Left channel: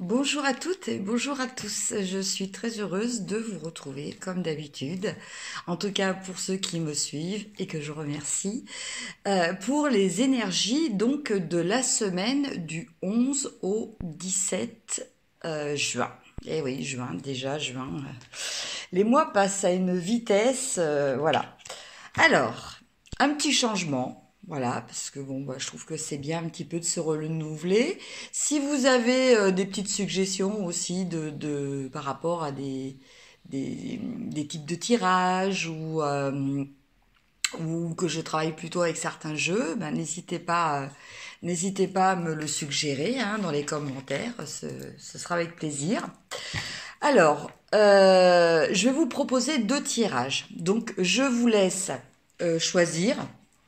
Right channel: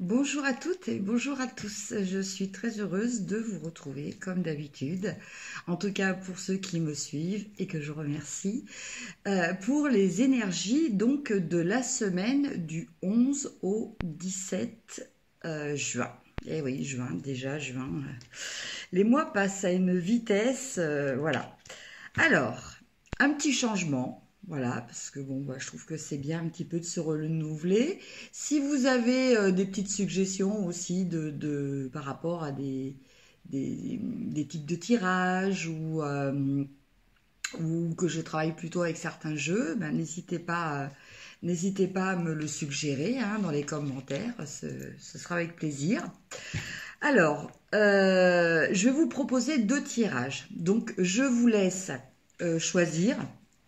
Bonjour à toutes et bonjour à tous. Je suis très heureuse de vous retrouver comme d'habitude, en tout cas pour ceux qui me suivent et que je remercie, pour les énergies donc de la semaine du 11 au 17 juin. Eh oui, juin, déjà juin. Les mois passent à une vitesse, voilà. Alors, un petit changement. Voilà, parce que bon, je trouve que c'est bien un petit peu de se renouveler. Si vous avez des petites suggestions aussi par rapport à des types de tirages ou que je travaille plutôt avec certains jeux, ben, n'hésitez pas à me le suggérer hein, dans les commentaires. Ce sera avec plaisir. Alors, je vais vous proposer deux tirages. Donc, je vous laisse choisir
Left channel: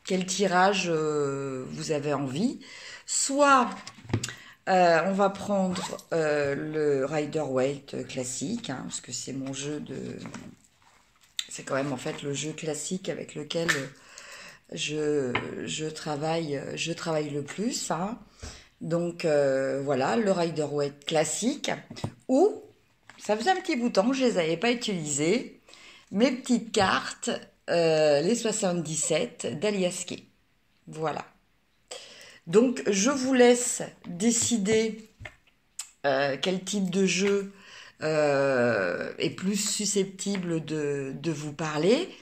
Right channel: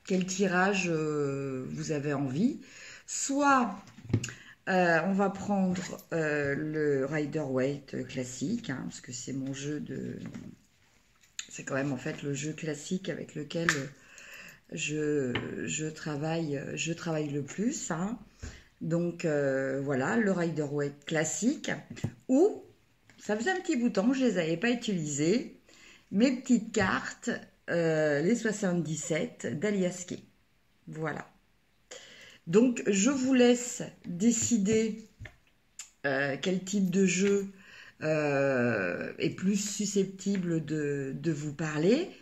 quel tirage vous avez envie. Soit on va prendre le Rider-Waite classique, hein, parce que c'est mon jeu de... C'est quand même en fait le jeu classique avec lequel je travaille le plus. Hein. Donc voilà, le Rider-Waite classique. Ou, ça faisait un petit bout de temps que je ne les avais pas utilisées, mes petites cartes, les 77 d'Aliaské. Voilà. Donc, je vous laisse décider quel type de jeu est plus susceptible de vous parler.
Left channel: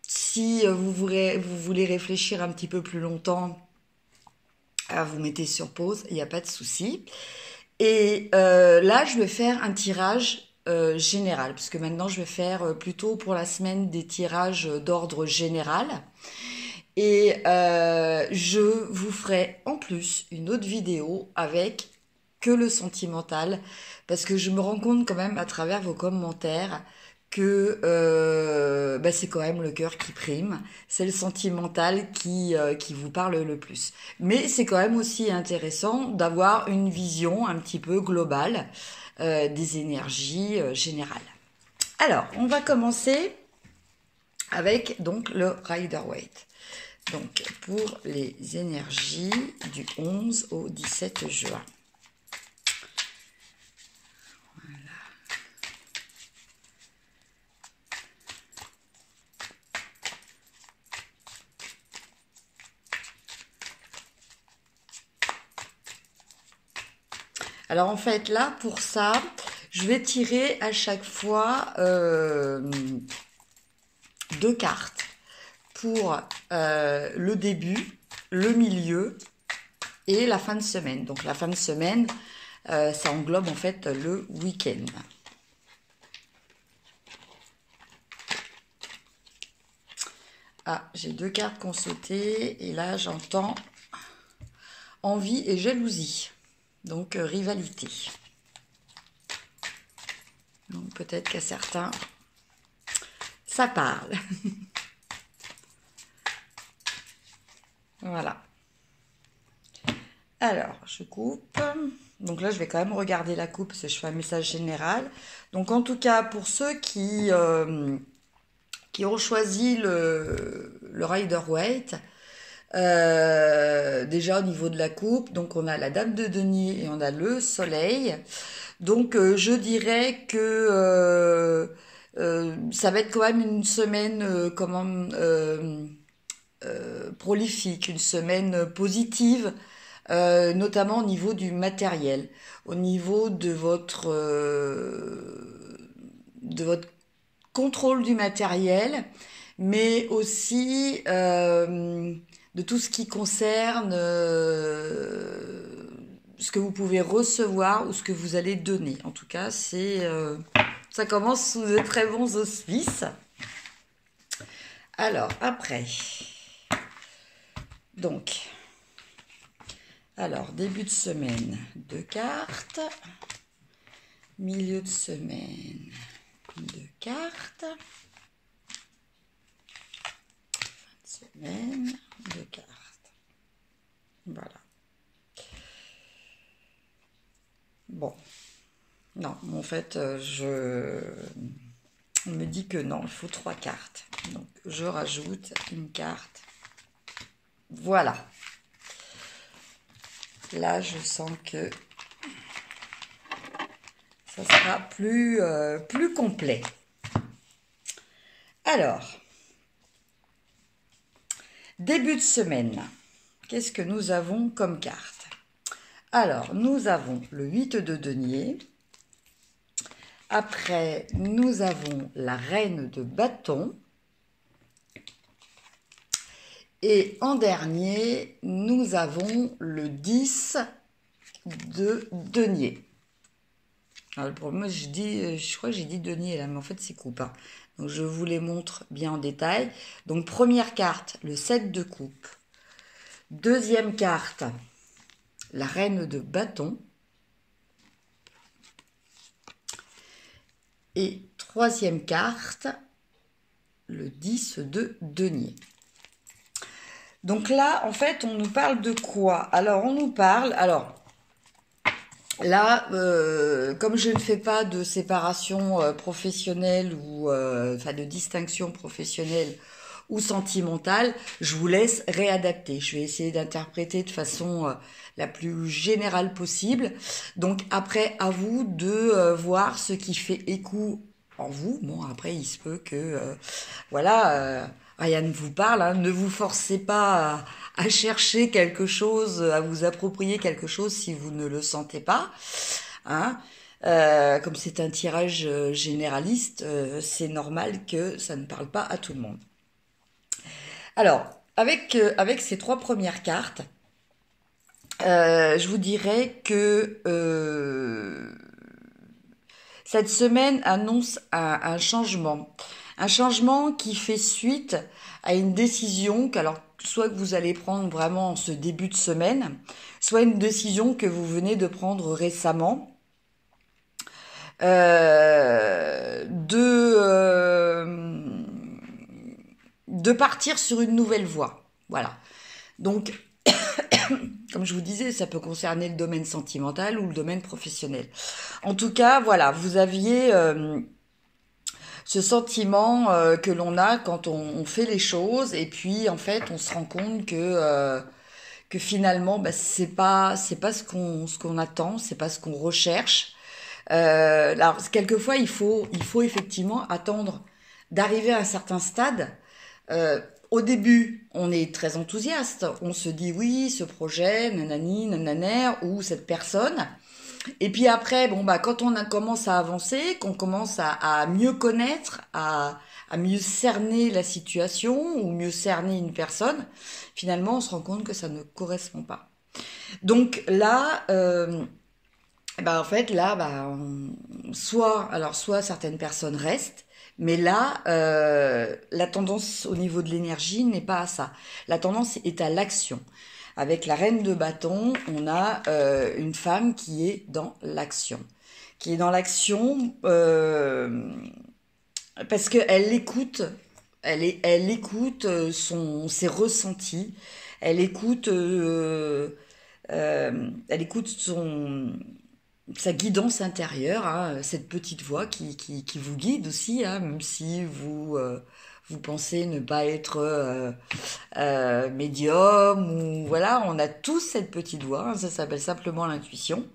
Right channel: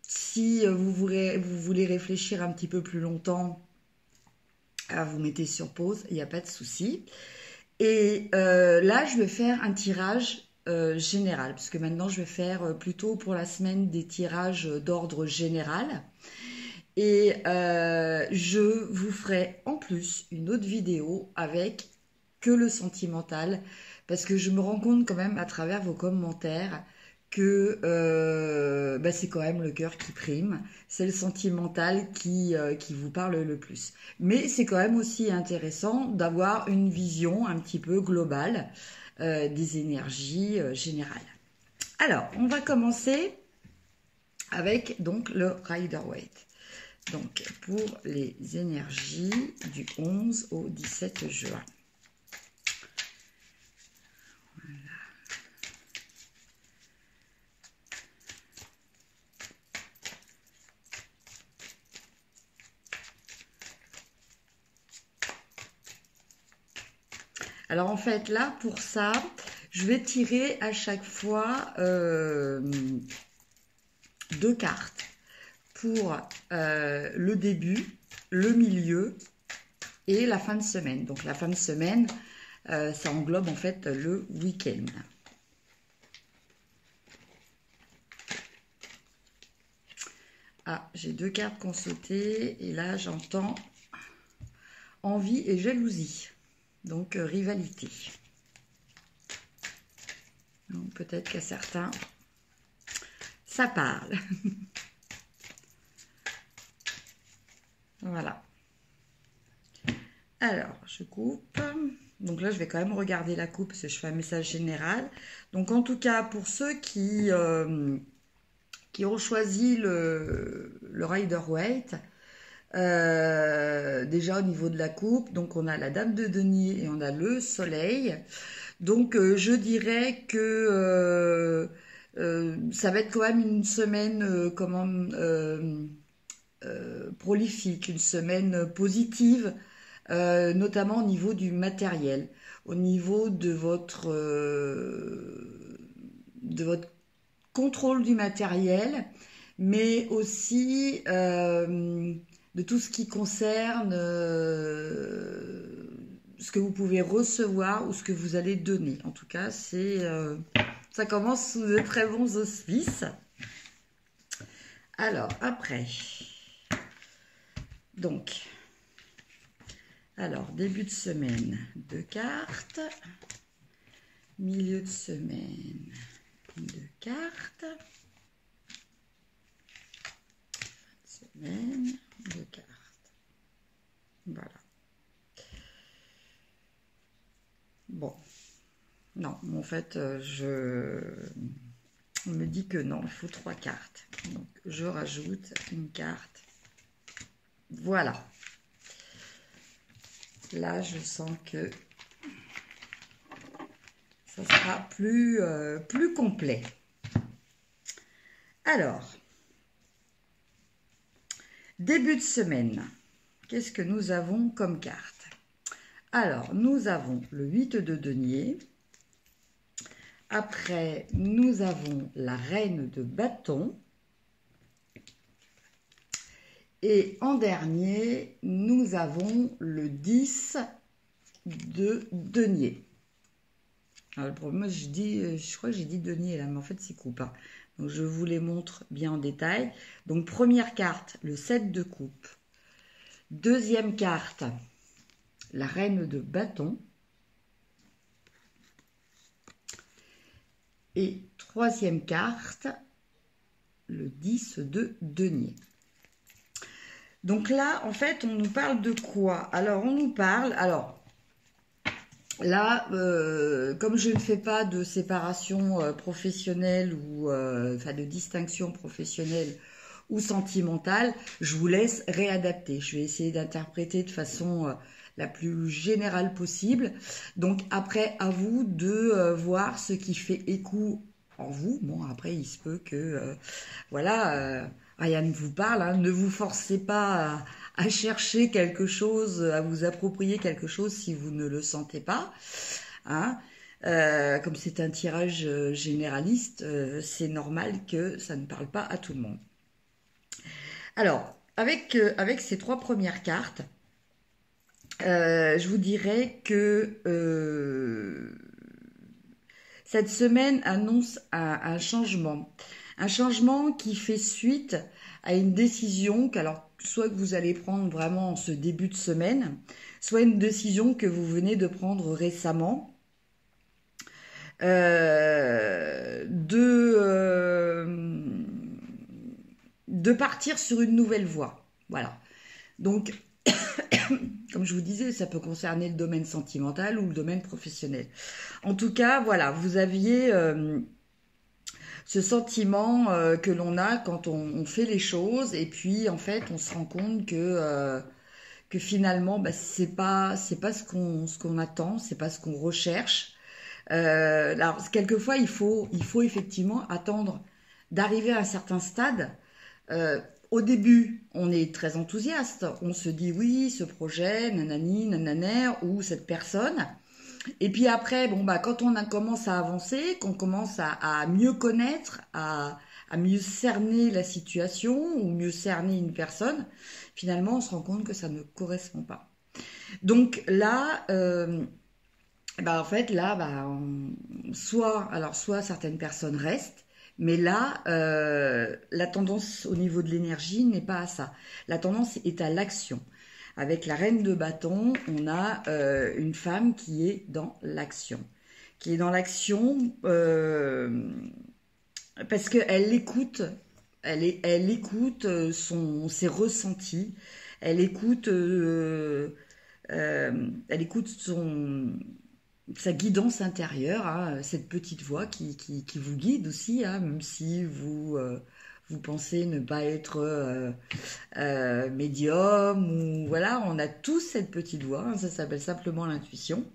Si vous voulez réfléchir un petit peu plus longtemps, vous mettez sur pause, il n'y a pas de souci. Et là, je vais faire un tirage général, parce que maintenant, je vais faire plutôt pour la semaine des tirages d'ordre général. Et je vous ferai en plus une autre vidéo avec que le sentimental, parce que je me rends compte quand même à travers vos commentaires que c'est quand même le cœur qui prime, c'est le sentimental qui vous parle le plus. Mais c'est quand même aussi intéressant d'avoir une vision un petit peu globale des énergies générales. Alors, on va commencer avec donc le Rider-Waite. Donc, pour les énergies du 11 au 17 juin. Voilà. Alors, en fait, là, pour ça, je vais tirer à chaque fois deux cartes pour le début, le milieu et la fin de semaine. Donc la fin de semaine, ça englobe en fait le week-end. Ah, j'ai deux cartes qui ont sauté et là j'entends envie et jalousie. Donc rivalité. Donc peut-être qu'à certains, ça parle. Voilà. Alors, je coupe. Donc là, je vais quand même regarder la coupe parce que je fais un message général. Donc en tout cas, pour ceux qui ont choisi le Rider-Waite, déjà au niveau de la coupe, donc on a la dame de denier et on a le soleil. Donc je dirais que ça va être quand même une semaine prolifique, une semaine positive, notamment au niveau du matériel, au niveau de votre contrôle du matériel, mais aussi de tout ce qui concerne ce que vous pouvez recevoir ou ce que vous allez donner. En tout cas, ça commence sous de très bons auspices. Alors, après... Donc, alors, début de semaine, deux cartes. Milieu de semaine, deux cartes. Fin de semaine, deux cartes. Voilà. Bon. Non, en fait, on me dit que non, il faut trois cartes. Donc, je rajoute une carte. Voilà. Là, je sens que ça sera plus complet. Alors, début de semaine, qu'est-ce que nous avons comme carte? Alors, nous avons le 8 de denier. Après, nous avons la reine de bâton. Et en dernier, nous avons le 10 de denier. Alors, le problème, je crois que j'ai dit denier là, mais en fait, c'est coupe. Hein. Donc, je vous les montre bien en détail. Donc, première carte, le 7 de coupe. Deuxième carte, la reine de bâton. Et troisième carte, le 10 de denier. Donc là, en fait, on nous parle de quoi? Alors, on nous parle... Alors, là, comme je ne fais pas de séparation professionnelle ou enfin de distinction professionnelle ou sentimentale, je vous laisse réadapter. Je vais essayer d'interpréter de façon la plus générale possible. Donc après, à vous de voir ce qui fait écho en vous. Bon, après, il se peut que, voilà, rien ne vous parle. Hein. Ne vous forcez pas à chercher quelque chose, à vous approprier quelque chose si vous ne le sentez pas. Hein. Comme c'est un tirage généraliste, c'est normal que ça ne parle pas à tout le monde. Alors, avec ces trois premières cartes, je vous dirais que cette semaine annonce un changement. Un changement qui fait suite à une décision soit que vous allez prendre vraiment en ce début de semaine, soit une décision que vous venez de prendre récemment. De partir sur une nouvelle voie. Voilà. Donc, comme je vous disais, ça peut concerner le domaine sentimental ou le domaine professionnel. En tout cas, voilà, vous aviez ce sentiment que l'on a quand on fait les choses et puis en fait, on se rend compte que finalement, bah, c'est pas ce qu'on attend, c'est pas ce qu'on recherche. Alors, quelquefois, il faut effectivement attendre d'arriver à un certain stade. Au début, on est très enthousiaste. On se dit oui, ce projet, nanani, nananer, ou cette personne. Et puis après, bon, bah, quand on commence à avancer, qu'on commence à mieux connaître, à mieux cerner la situation ou mieux cerner une personne, finalement, on se rend compte que ça ne correspond pas. Donc là, bah, en fait, là, bah, soit certaines personnes restent, mais là, la tendance au niveau de l'énergie n'est pas à ça. La tendance est à l'action. Avec la reine de bâton, on a une femme qui est dans l'action. Qui est dans l'action parce qu'elle écoute, elle écoute ses ressentis, elle écoute sa guidance intérieure, hein, cette petite voix qui vous guide aussi, hein, même si vous pensez ne pas être médium, ou voilà, on a tous cette petite voix, hein, ça s'appelle simplement l'intuition.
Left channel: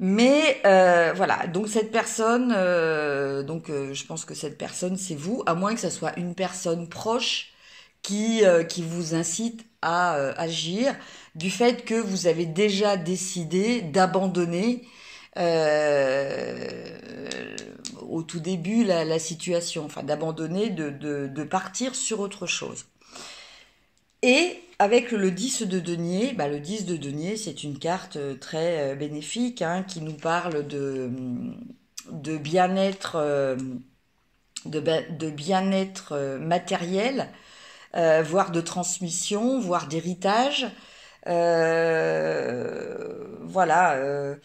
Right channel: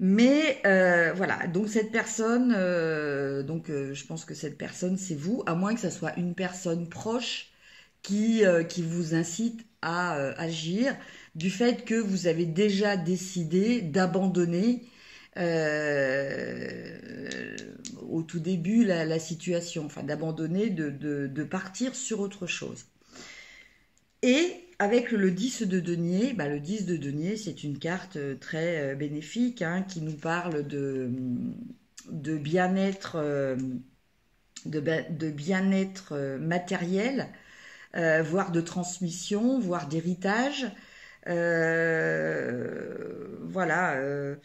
Mais voilà, donc cette personne, je pense que cette personne c'est vous, à moins que ce soit une personne proche qui vous incite à agir, du fait que vous avez déjà décidé d'abandonner au tout début la situation, enfin d'abandonner, de partir sur autre chose. Et avec le 10 de denier, bah, le 10 de denier, c'est une carte très bénéfique, hein, qui nous parle de bien-être de bien-être matériel, voire de transmission, voire d'héritage. Voilà,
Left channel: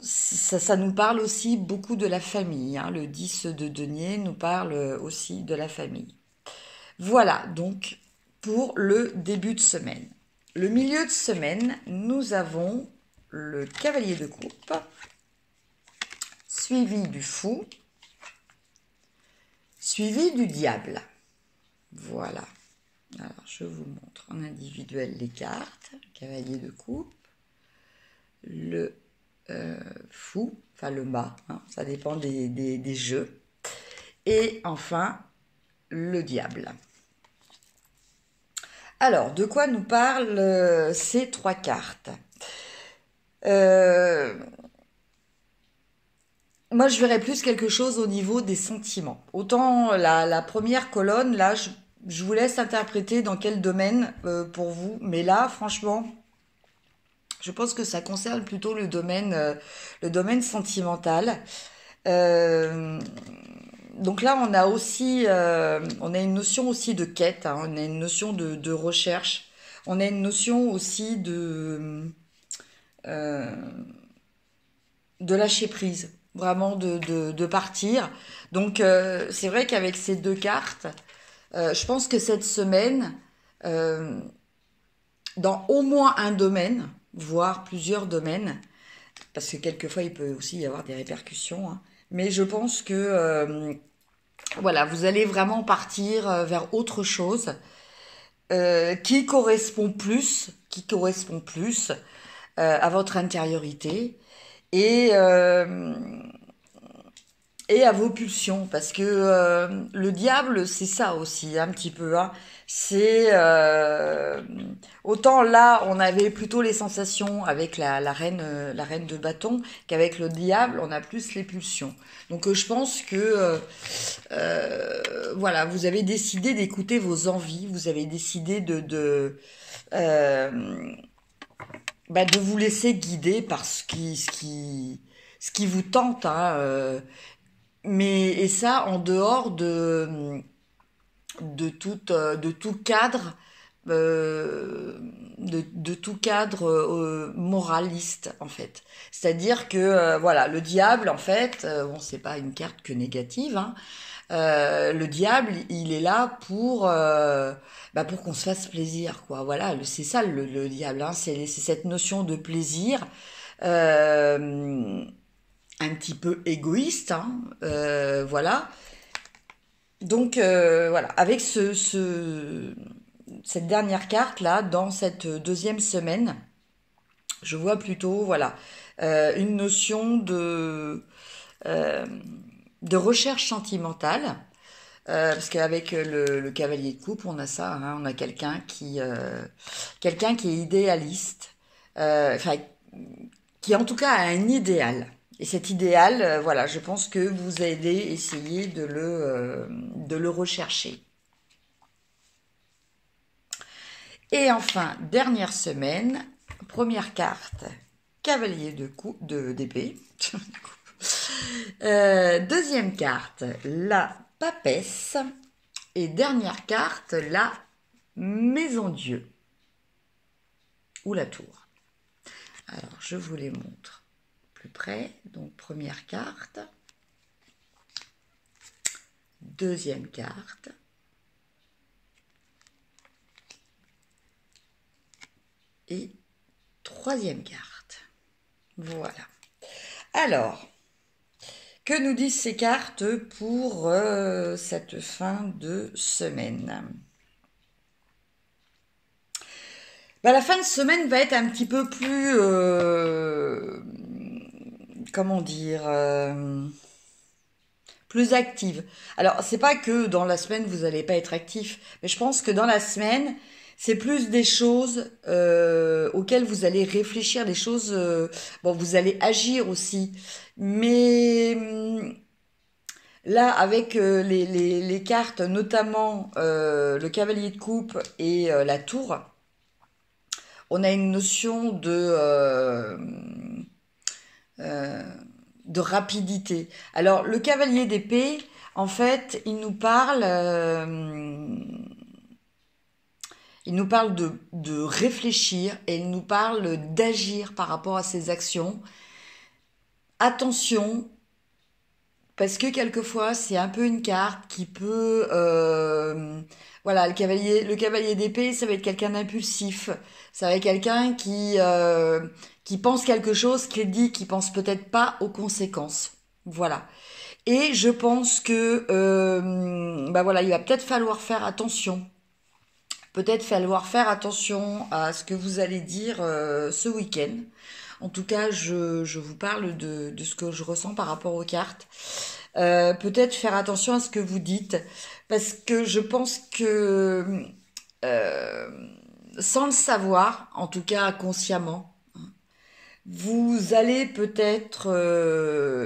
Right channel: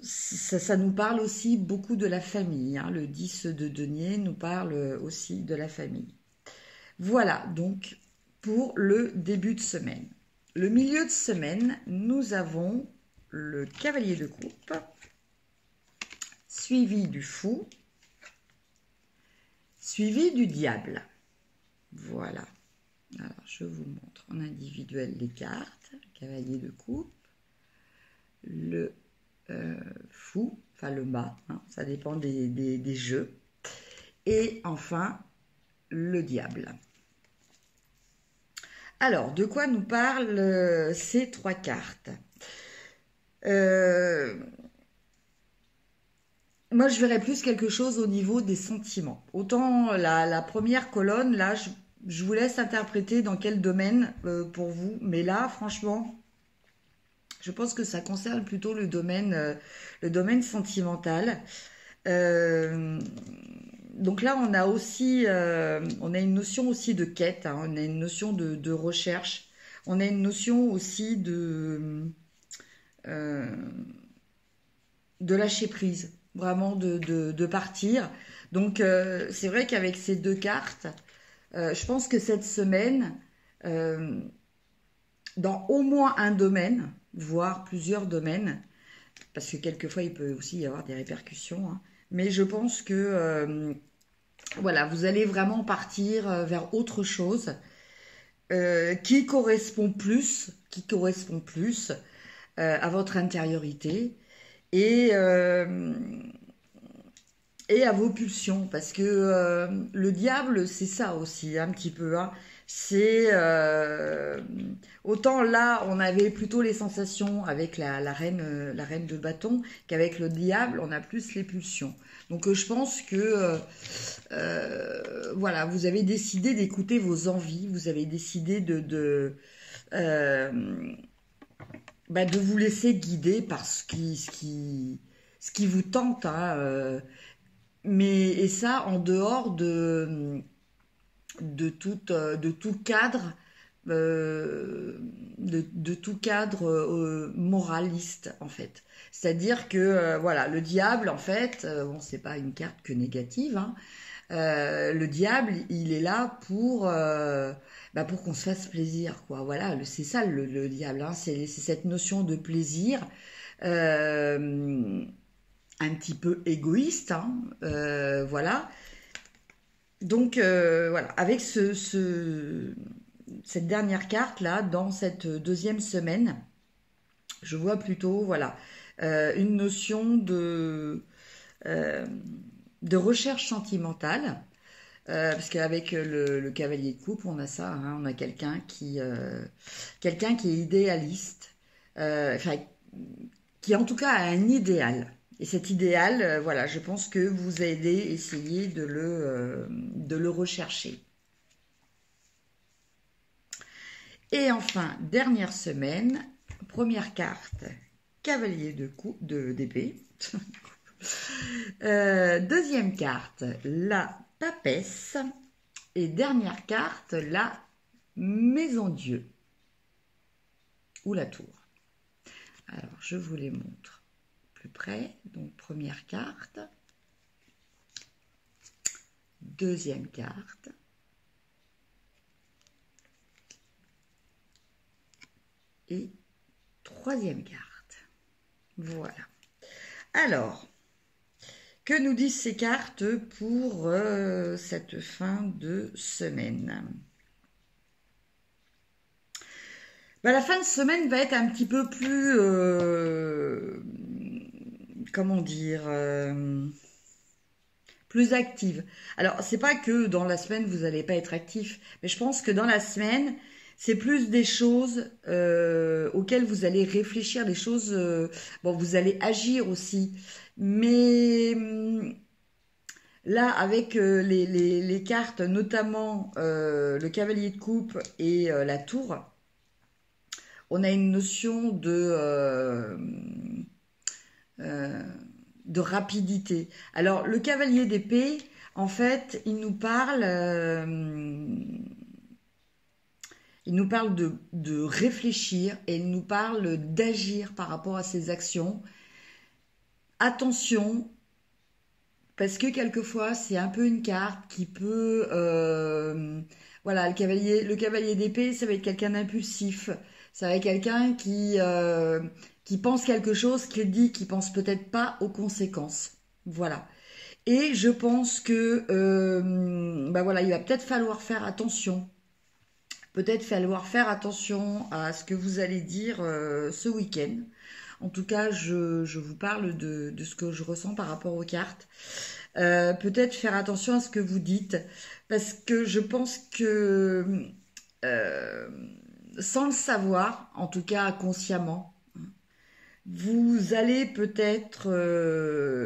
ça nous parle aussi beaucoup de la famille. Hein. Le 10 de denier nous parle aussi de la famille. Voilà, donc pour le début de semaine. Le milieu de semaine, nous avons le cavalier de coupe, suivi du fou, suivi du diable. Voilà. Alors, je vous montre en individuel les cartes. Cavalier de coupe, le fou, enfin le mât, hein, ça dépend des jeux. Et enfin, le diable. Alors, de quoi nous parlent ces 3 cartes? Moi, je verrais plus quelque chose au niveau des sentiments. Autant la première colonne, là, je vous laisse interpréter dans quel domaine pour vous. Mais là, franchement, je pense que ça concerne plutôt le domaine sentimental. Euh, donc là, on a aussi, on a une notion aussi de quête, hein, on a une notion de recherche, on a une notion aussi euh, de lâcher prise, vraiment de partir. Donc c'est vrai qu'avec ces 2 cartes, je pense que cette semaine, euh, dans au moins un domaine, voire plusieurs domaines, parce que quelquefois il peut aussi y avoir des répercussions, hein, mais je pense que voilà, vous allez vraiment partir vers autre chose qui correspond plus à votre intériorité et, euh, et à vos pulsions. Parce que le diable, c'est ça aussi, un petit peu. Hein. C'est autant là, on avait plutôt les sensations avec la reine de bâton, qu'avec le diable, on a plus les pulsions. Donc je pense que voilà, vous avez décidé d'écouter vos envies, vous avez décidé euh, de vous laisser guider par ce qui vous tente, hein, et ça en dehors de tout cadre, de tout cadre moraliste en fait. C'est-à-dire que voilà, le diable en fait, bon c'est pas une carte que négative, hein, le diable, il est là pour qu'on se fasse plaisir, quoi. Voilà, c'est ça le diable, hein, c'est cette notion de plaisir, euh, un petit peu égoïste, hein, voilà. Donc voilà, avec cette dernière carte là, dans cette deuxième semaine, je vois plutôt voilà une notion euh, de recherche sentimentale. Parce qu'avec le cavalier de coupe, on a ça, hein, on a quelqu'un qui est idéaliste, enfin, qui en tout cas a un idéal. Et cet idéal, voilà, je pense que vous allez essayer de le rechercher. Et enfin, dernière semaine, première carte, cavalier d'épée. Deuxième carte, la papesse. Et dernière carte, la maison Dieu. Ou la tour. Alors, je vous les montre plus près. Donc, première carte. Deuxième carte. Et troisième carte. Voilà. Alors, que nous disent ces cartes pour cette fin de semaine? La fin de semaine va être un petit peu plus, comment dire, plus active. Alors, c'est pas que dans la semaine vous n'allez pas être actif, mais je pense que dans la semaine, c'est plus des choses auxquelles vous allez réfléchir, des choses. Bon, vous allez agir aussi, mais là, avec les cartes, notamment le cavalier de coupe et la tour, on a une notion de rapidité. Alors, le cavalier d'épée, en fait, il nous parle de réfléchir et il nous parle d'agir par rapport à ses actions. Attention, parce que quelquefois, c'est un peu une carte qui peut... voilà, le cavalier d'épée, ça va être quelqu'un d'impulsif. Ça va être quelqu'un qui pense quelque chose, qui pense peut-être pas aux conséquences. Voilà. Et je pense que voilà, il va peut-être falloir faire attention. peut-être falloir faire attention à ce que vous allez dire ce week-end. En tout cas, je vous parle de ce que je ressens par rapport aux cartes. Peut-être faire attention à ce que vous dites, parce que je pense que euh, sans le savoir, en tout cas consciemment, vous allez peut-être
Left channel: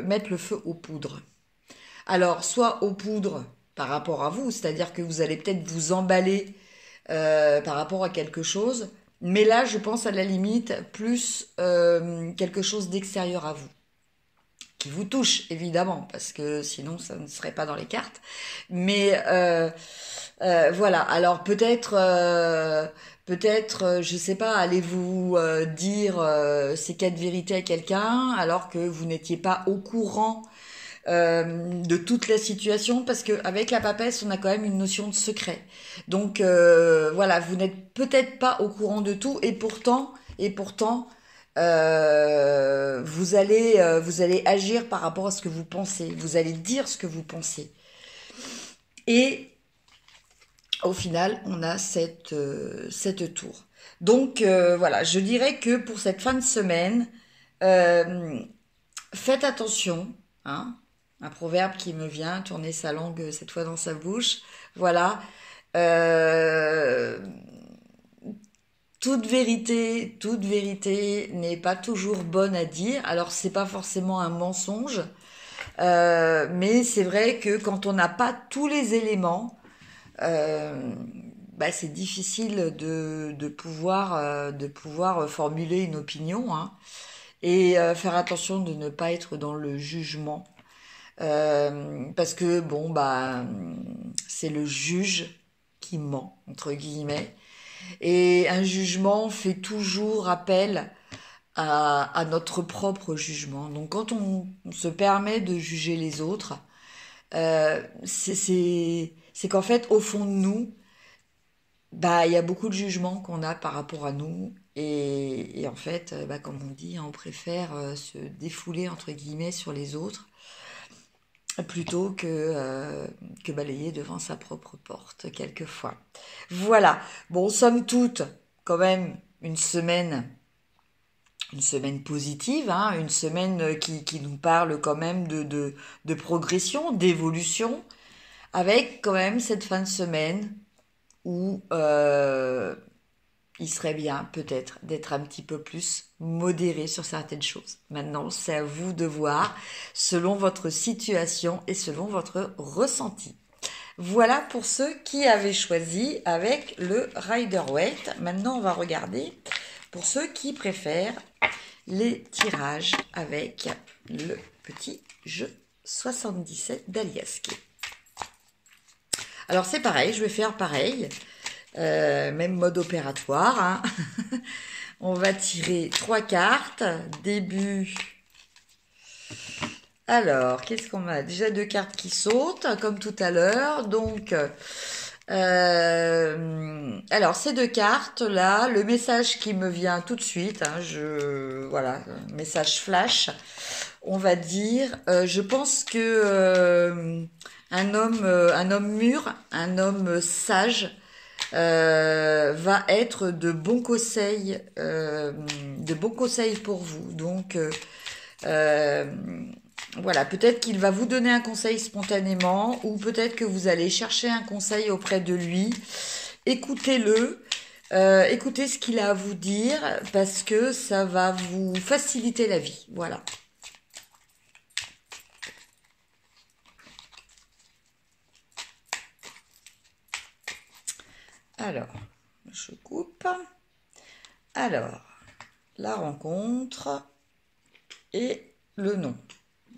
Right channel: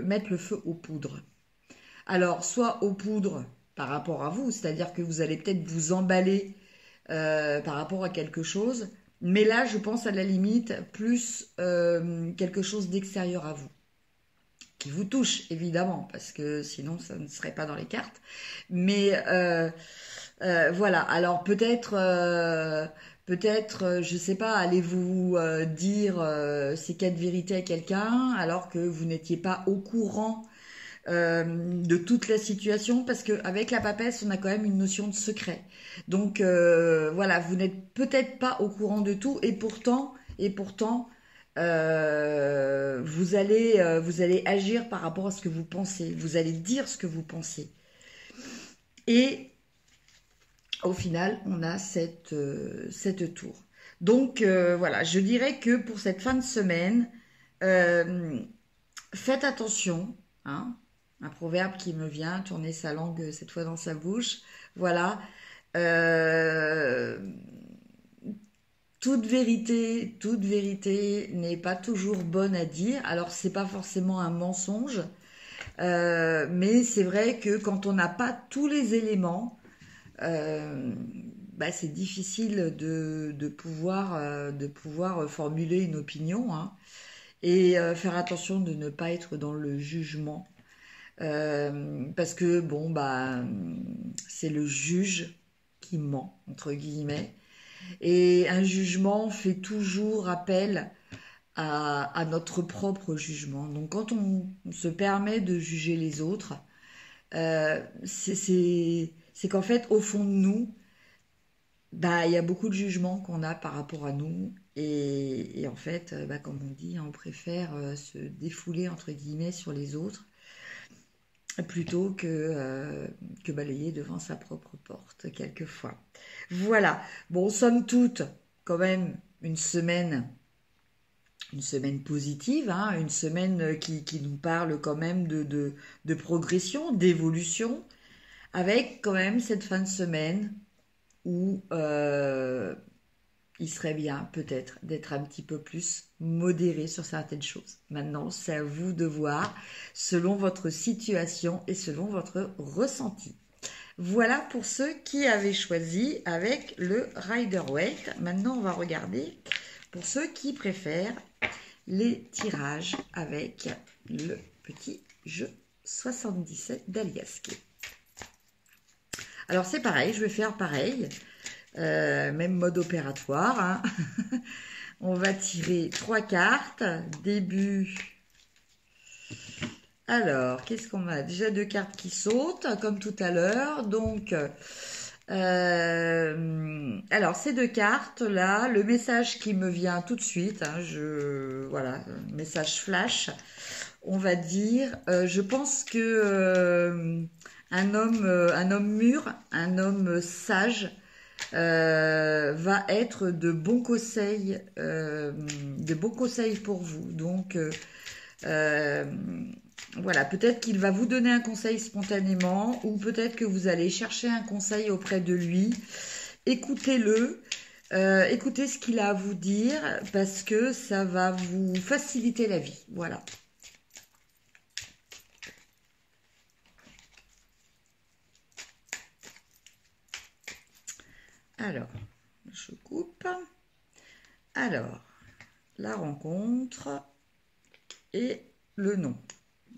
mettre le feu aux poudres. Alors, soit aux poudres par rapport à vous, c'est-à-dire que vous allez peut-être vous emballer par rapport à quelque chose, mais là, je pense à la limite plus quelque chose d'extérieur à vous, qui vous touche évidemment, parce que sinon ça ne serait pas dans les cartes. Mais voilà, alors peut-être, je sais pas, allez-vous dire ces quatre vérités à quelqu'un alors que vous n'étiez pas au courant de toute la situation, parce qu'avec la papesse, on a quand même une notion de secret. Donc voilà, vous n'êtes peut-être pas au courant de tout, et pourtant, vous allez agir par rapport à ce que vous pensez. Vous allez dire ce que vous pensez. Et au final, on a cette tour. Donc voilà, je dirais que pour cette fin de semaine, euh, faites attention, hein. Un proverbe qui me vient, tourner sa langue cette fois dans sa bouche. Voilà. Euh, toute vérité n'est pas toujours bonne à dire. Alors, c'est pas forcément un mensonge, mais c'est vrai que quand on n'a pas tous les éléments, euh, bah, c'est difficile de pouvoir formuler une opinion, hein, et faire attention de ne pas être dans le jugement. Parce que bon bah c'est le juge qui ment entre guillemets, et un jugement fait toujours appel à notre propre jugement. Donc quand on se permet de juger les autres, c'est qu'en fait au fond de nous, bah il y a beaucoup de jugements qu'on a par rapport à nous, et en fait bah, comme on dit, hein, on préfère se défouler entre guillemets sur les autres plutôt que balayer devant sa propre porte, quelquefois. Voilà. Bon, somme toute, quand même, une semaine positive, hein, une semaine qui nous parle quand même de progression, d'évolution, avec quand même cette fin de semaine où il serait bien peut-être d'être un petit peu plus modéré sur certaines choses. Maintenant, c'est à vous de voir selon votre situation et selon votre ressenti. Voilà pour ceux qui avaient choisi avec le Rider-Waite. Maintenant, on va regarder pour ceux qui préfèrent les tirages avec le petit jeu 77 d'Aliasqué. Alors, c'est pareil, je vais faire pareil. Même mode opératoire, hein. On va tirer 3 cartes. Début. Alors, qu'est-ce qu'on a? Déjà 2 cartes qui sautent, comme tout à l'heure. Donc, alors ces 2 cartes-là, le message qui me vient tout de suite, hein, voilà, message flash, on va dire, je pense que un homme mûr, un homme sage, va être de bons conseils pour vous. Donc, voilà, peut-être qu'il va vous donner un conseil spontanément, ou peut-être que vous allez chercher un conseil auprès de lui. Écoutez-le, écoutez ce qu'il a à vous dire, parce que ça va vous faciliter la vie. Voilà. Alors, je coupe. Alors, la rencontre et le nom.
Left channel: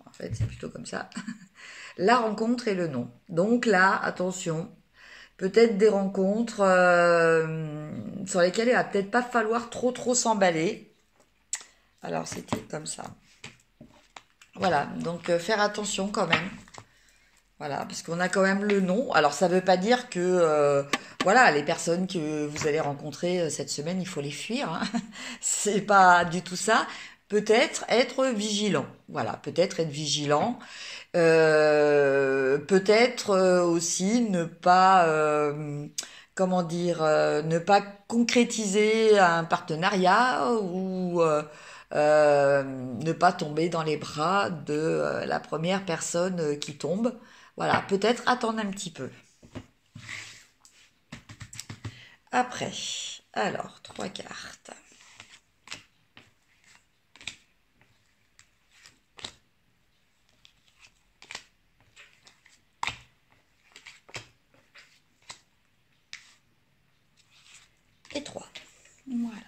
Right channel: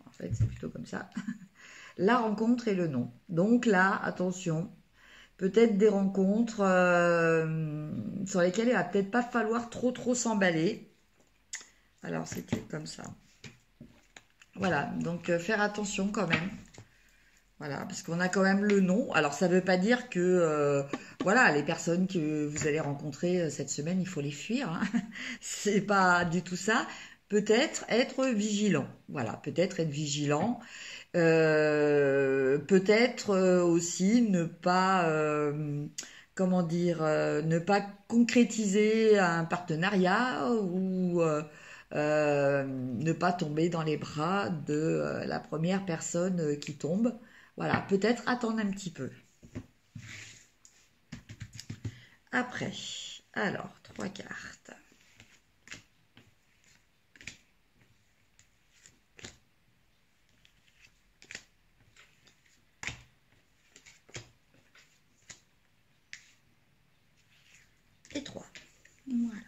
En fait, c'est plutôt comme ça. La rencontre et le nom. Donc là, attention, peut-être des rencontres sur lesquelles il va peut-être pas falloir trop s'emballer. Alors, c'était comme ça. Voilà, donc faire attention quand même. Voilà, parce qu'on a quand même le nom. Alors, ça ne veut pas dire que, voilà, les personnes que vous allez rencontrer cette semaine, il faut les fuir, hein. C'est pas du tout ça. Peut-être être vigilant. Voilà, peut-être être vigilant. Peut-être aussi ne pas comment dire, ne pas concrétiser un partenariat ou ne pas tomber dans les bras de la première personne qui tombe. Voilà, peut-être attendre un petit peu. Après, alors, 3 cartes. Et 3. Voilà.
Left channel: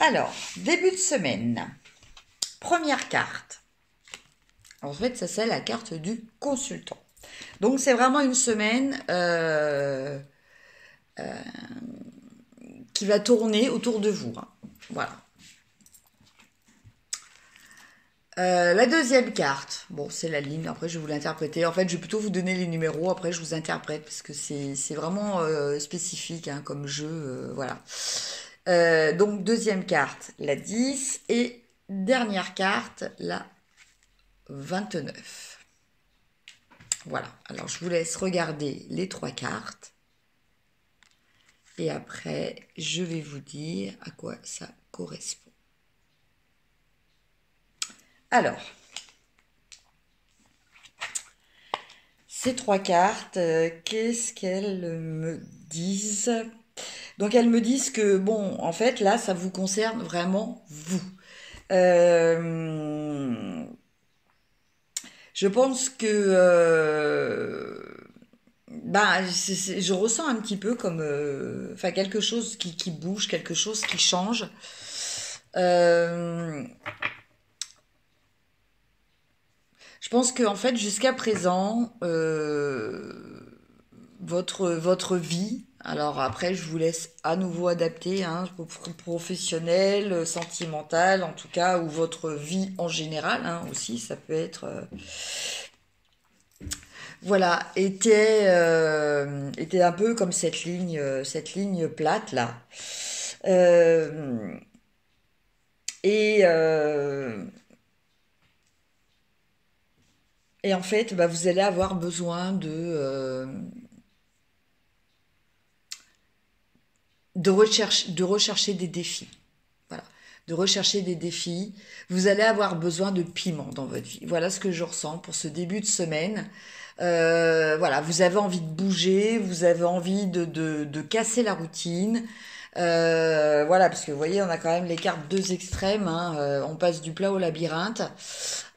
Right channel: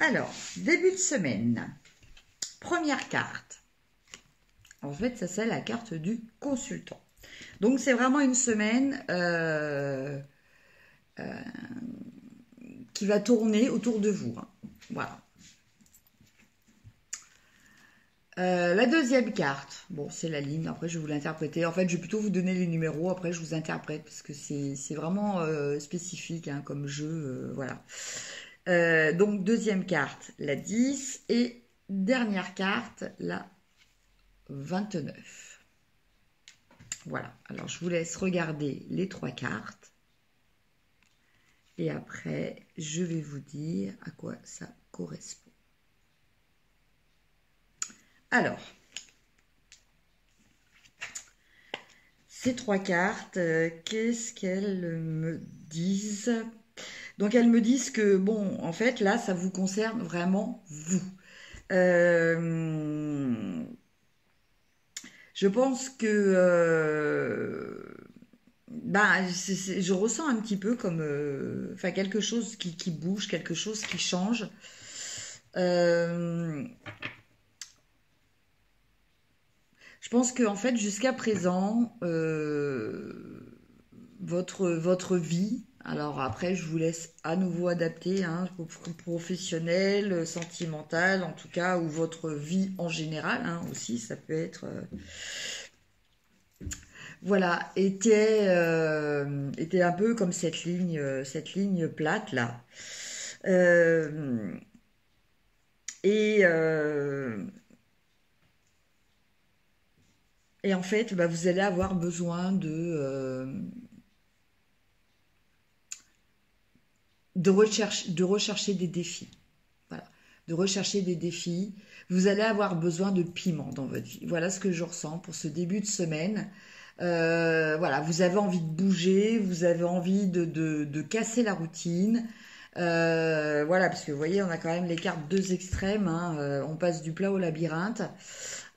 Alors, début de semaine. Première carte. En fait, ça c'est la carte du consultant. Donc, c'est vraiment une semaine qui va tourner autour de vous. Hein. Voilà. La deuxième carte, bon, c'est la ligne. Après, je vais vous l'interpréter. En fait, je vais plutôt vous donner les numéros. Après, je vous interprète parce que c'est vraiment spécifique hein, comme jeu. Voilà. Donc, deuxième carte, la 10. Et dernière carte, la 29. Voilà. Alors, je vous laisse regarder les 3 cartes. Et après, je vais vous dire à quoi ça correspond. Alors, ces 3 cartes, qu'est-ce qu'elles me disent? Donc, elles me disent que, bon, en fait, là, ça vous concerne vraiment vous. Je pense que je ressens un petit peu comme enfin quelque chose qui bouge, quelque chose qui change. Je pense qu'en fait, jusqu'à présent, votre vie, alors après, je vous laisse à nouveau adapter, hein, professionnel, sentimental, en tout cas, ou votre vie en général, hein, aussi, ça peut être... voilà, était un peu comme cette ligne plate là. Euh, et, euh, et en fait, bah, vous allez avoir besoin de rechercher des défis. Voilà, de rechercher des défis. Vous allez avoir besoin de piment dans votre vie. Voilà ce que je ressens pour ce début de semaine. Voilà, vous avez envie de bouger, vous avez envie de casser la routine. Voilà, parce que vous voyez, on a quand même les cartes deux extrêmes. Hein, on passe du plat au labyrinthe.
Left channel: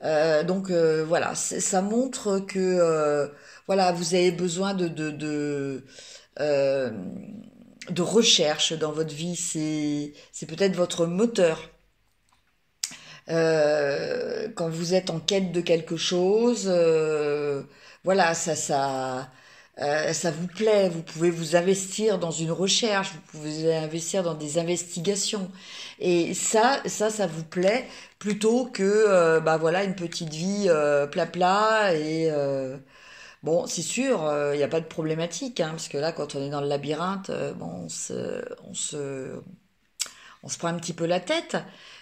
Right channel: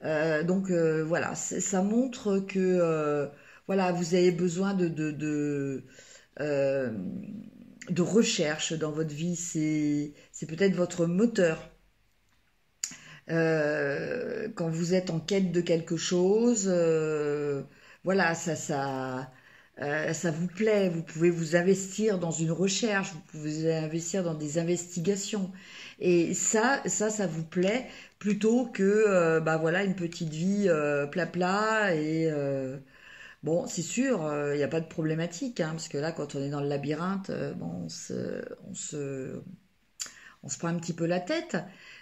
Donc voilà, ça montre que voilà, vous avez besoin euh, de recherche dans votre vie. C'est peut-être votre moteur. Quand vous êtes en quête de quelque chose, voilà, ça vous plaît. Vous pouvez vous investir dans une recherche, vous pouvez investir dans des investigations, et ça vous plaît plutôt que, bah voilà, une petite vie plat et bon, c'est sûr, il n'y a pas de problématique, hein, parce que là, quand on est dans le labyrinthe, bon, on se prend un petit peu la tête.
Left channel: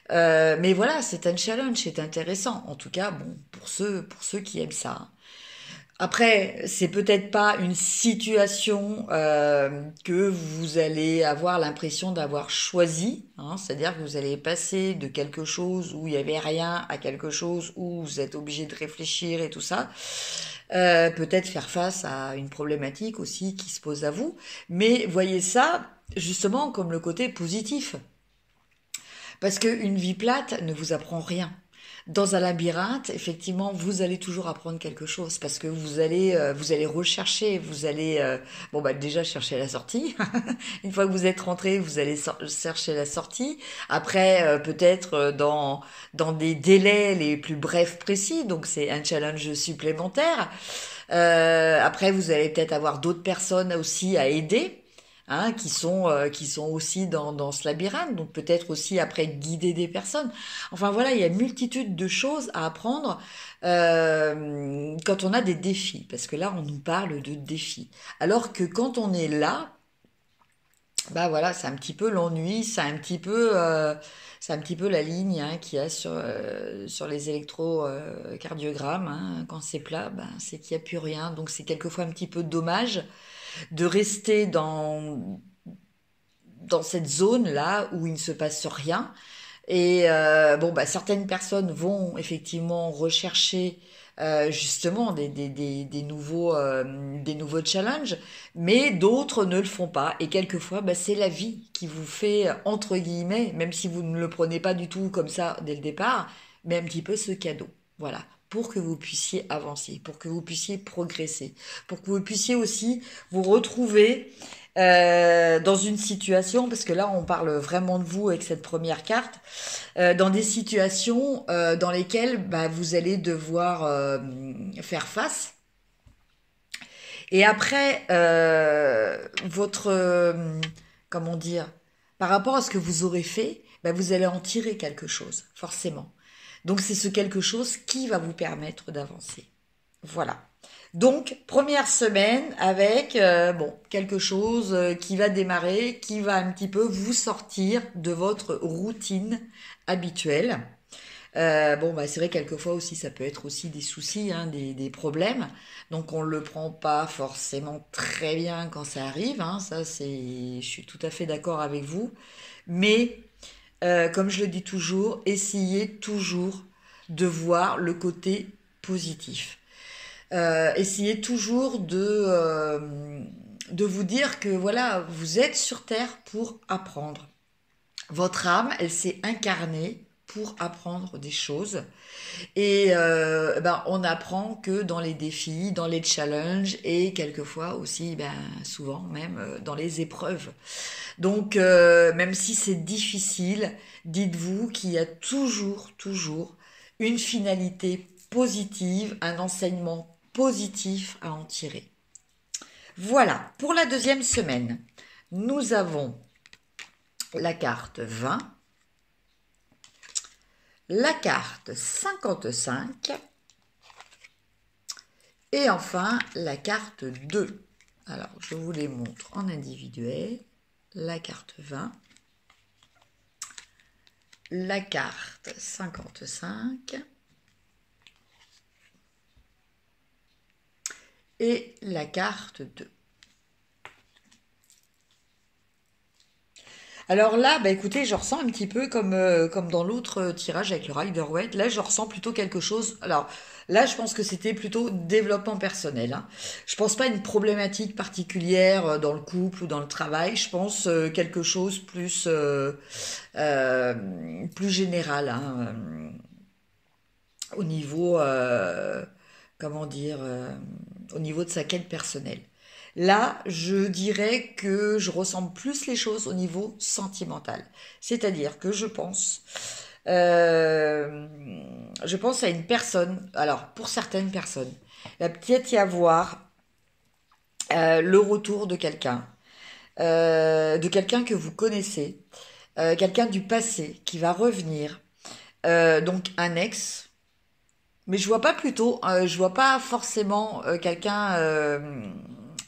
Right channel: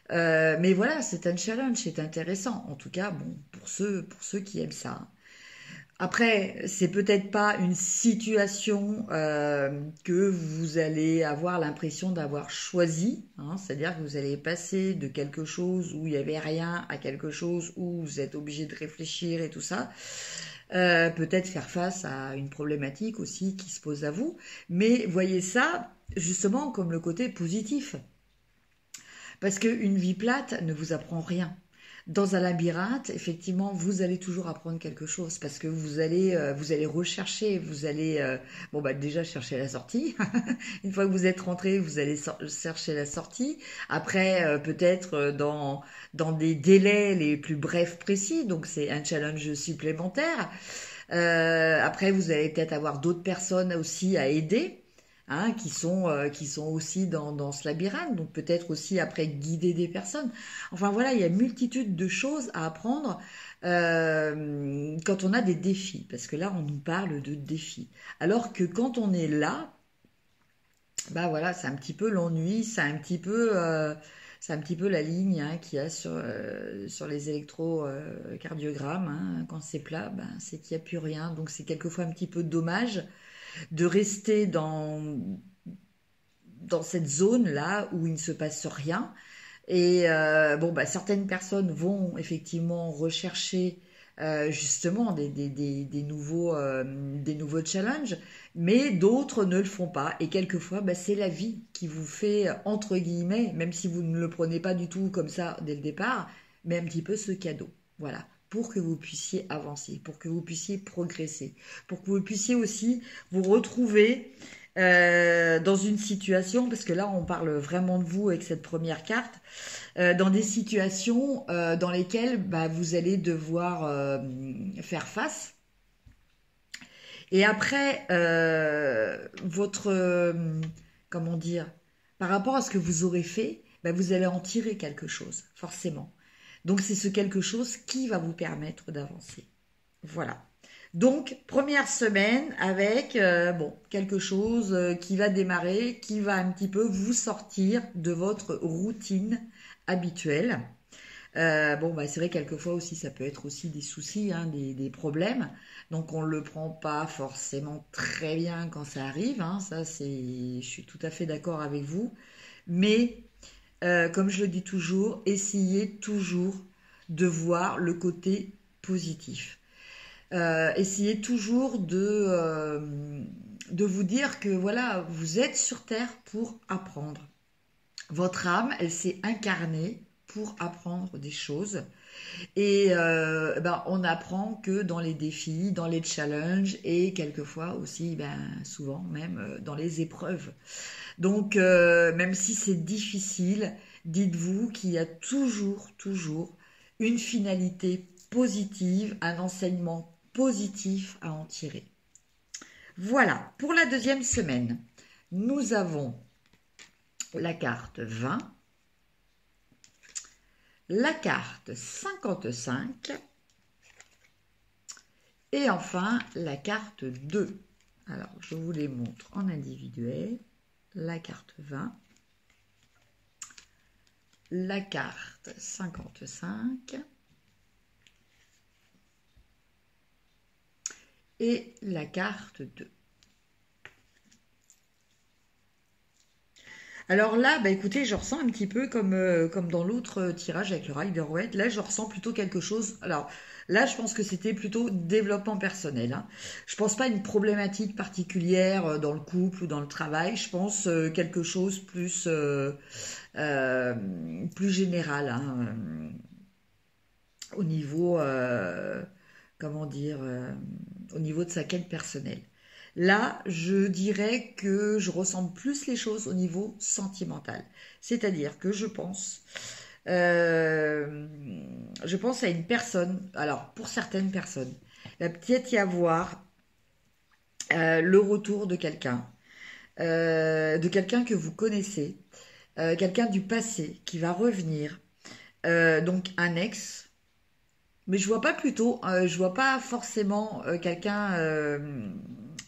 Mais voilà, c'est un challenge, c'est intéressant. En tout cas, bon, pour ceux qui aiment ça. Après, c'est peut-être pas une situation que vous allez avoir l'impression d'avoir choisi, hein, c'est-à-dire que vous allez passer de quelque chose où il n'y avait rien à quelque chose où vous êtes obligé de réfléchir et tout ça. Peut-être faire face à une problématique aussi qui se pose à vous, mais voyez ça justement comme le côté positif. Parce qu'une vie plate ne vous apprend rien. Dans un labyrinthe, effectivement, vous allez toujours apprendre quelque chose parce que vous allez rechercher, vous allez, bon bah déjà chercher la sortie. Une fois que vous êtes rentré, vous allez chercher la sortie. Après, peut-être dans des délais les plus brefs précis, donc c'est un challenge supplémentaire. Après, vous allez peut-être avoir d'autres personnes aussi à aider. Hein, qui sont aussi dans ce labyrinthe, donc peut-être aussi après guider des personnes. Enfin voilà, il y a une multitude de choses à apprendre quand on a des défis, parce que là on nous parle de défis. Alors que quand on est là, bah voilà, c'est un petit peu l'ennui, c'est un petit peu la ligne hein, qu'il y a sur les électrocardiogrammes. Hein. Quand c'est plat, ben, c'est qu'il n'y a plus rien. Donc c'est quelquefois un petit peu dommage de rester dans cette zone-là où il ne se passe rien. Et bon, bah, certaines personnes vont effectivement rechercher justement des nouveaux challenges, mais d'autres ne le font pas. Et quelquefois, bah, c'est la vie qui vous fait, entre guillemets, même si vous ne le prenez pas du tout comme ça dès le départ, mais un petit peu ce cadeau. Voilà. Pour que vous puissiez avancer, pour que vous puissiez progresser, pour que vous puissiez aussi vous retrouver dans une situation, parce que là on parle vraiment de vous avec cette première carte, dans des situations dans lesquelles bah, vous allez devoir faire face. Et après, comment dire, par rapport à ce que vous aurez fait, bah, vous allez en tirer quelque chose, forcément. Donc c'est ce quelque chose qui va vous permettre d'avancer. Voilà. Donc, première semaine avec bon, quelque chose qui va démarrer, qui va un petit peu vous sortir de votre routine habituelle. Bon, bah, c'est vrai, quelquefois aussi, ça peut être aussi des soucis, hein, des problèmes. Donc, on ne le prend pas forcément très bien quand ça arrive. Hein, ça, je suis tout à fait d'accord avec vous. Mais, comme je le dis toujours, essayez toujours de voir le côté positif. Essayez toujours de vous dire que voilà, vous êtes sur Terre pour apprendre. Votre âme, elle s'est incarnée pour apprendre des choses. Et ben, on apprend que dans les défis, dans les challenges et quelquefois aussi, ben, souvent même dans les épreuves. Donc, même si c'est difficile, dites-vous qu'il y a toujours une finalité positive, un enseignement positif à en tirer. Voilà, pour la deuxième semaine, nous avons la carte 20, la carte 55 et enfin la carte 2. Alors, je vous les montre en individuel. La carte 20, la carte 55 et la carte 2. Alors là, bah écoutez, je ressens un petit peu comme dans l'autre tirage avec le Rider-Waite. Là, je ressens plutôt quelque chose. Alors là, je pense que c'était plutôt développement personnel. Hein. Je pense pas à une problématique particulière dans le couple ou dans le travail. Je pense quelque chose euh, plus général. Hein, au niveau, comment dire, au niveau de sa quête personnelle. Là, je dirais que je ressens plus les choses au niveau sentimental. C'est-à-dire que euh, je pense à une personne, alors pour certaines personnes, il va peut-être y avoir le retour de quelqu'un que vous connaissez, quelqu'un du passé qui va revenir, donc un ex, mais je vois pas forcément quelqu'un,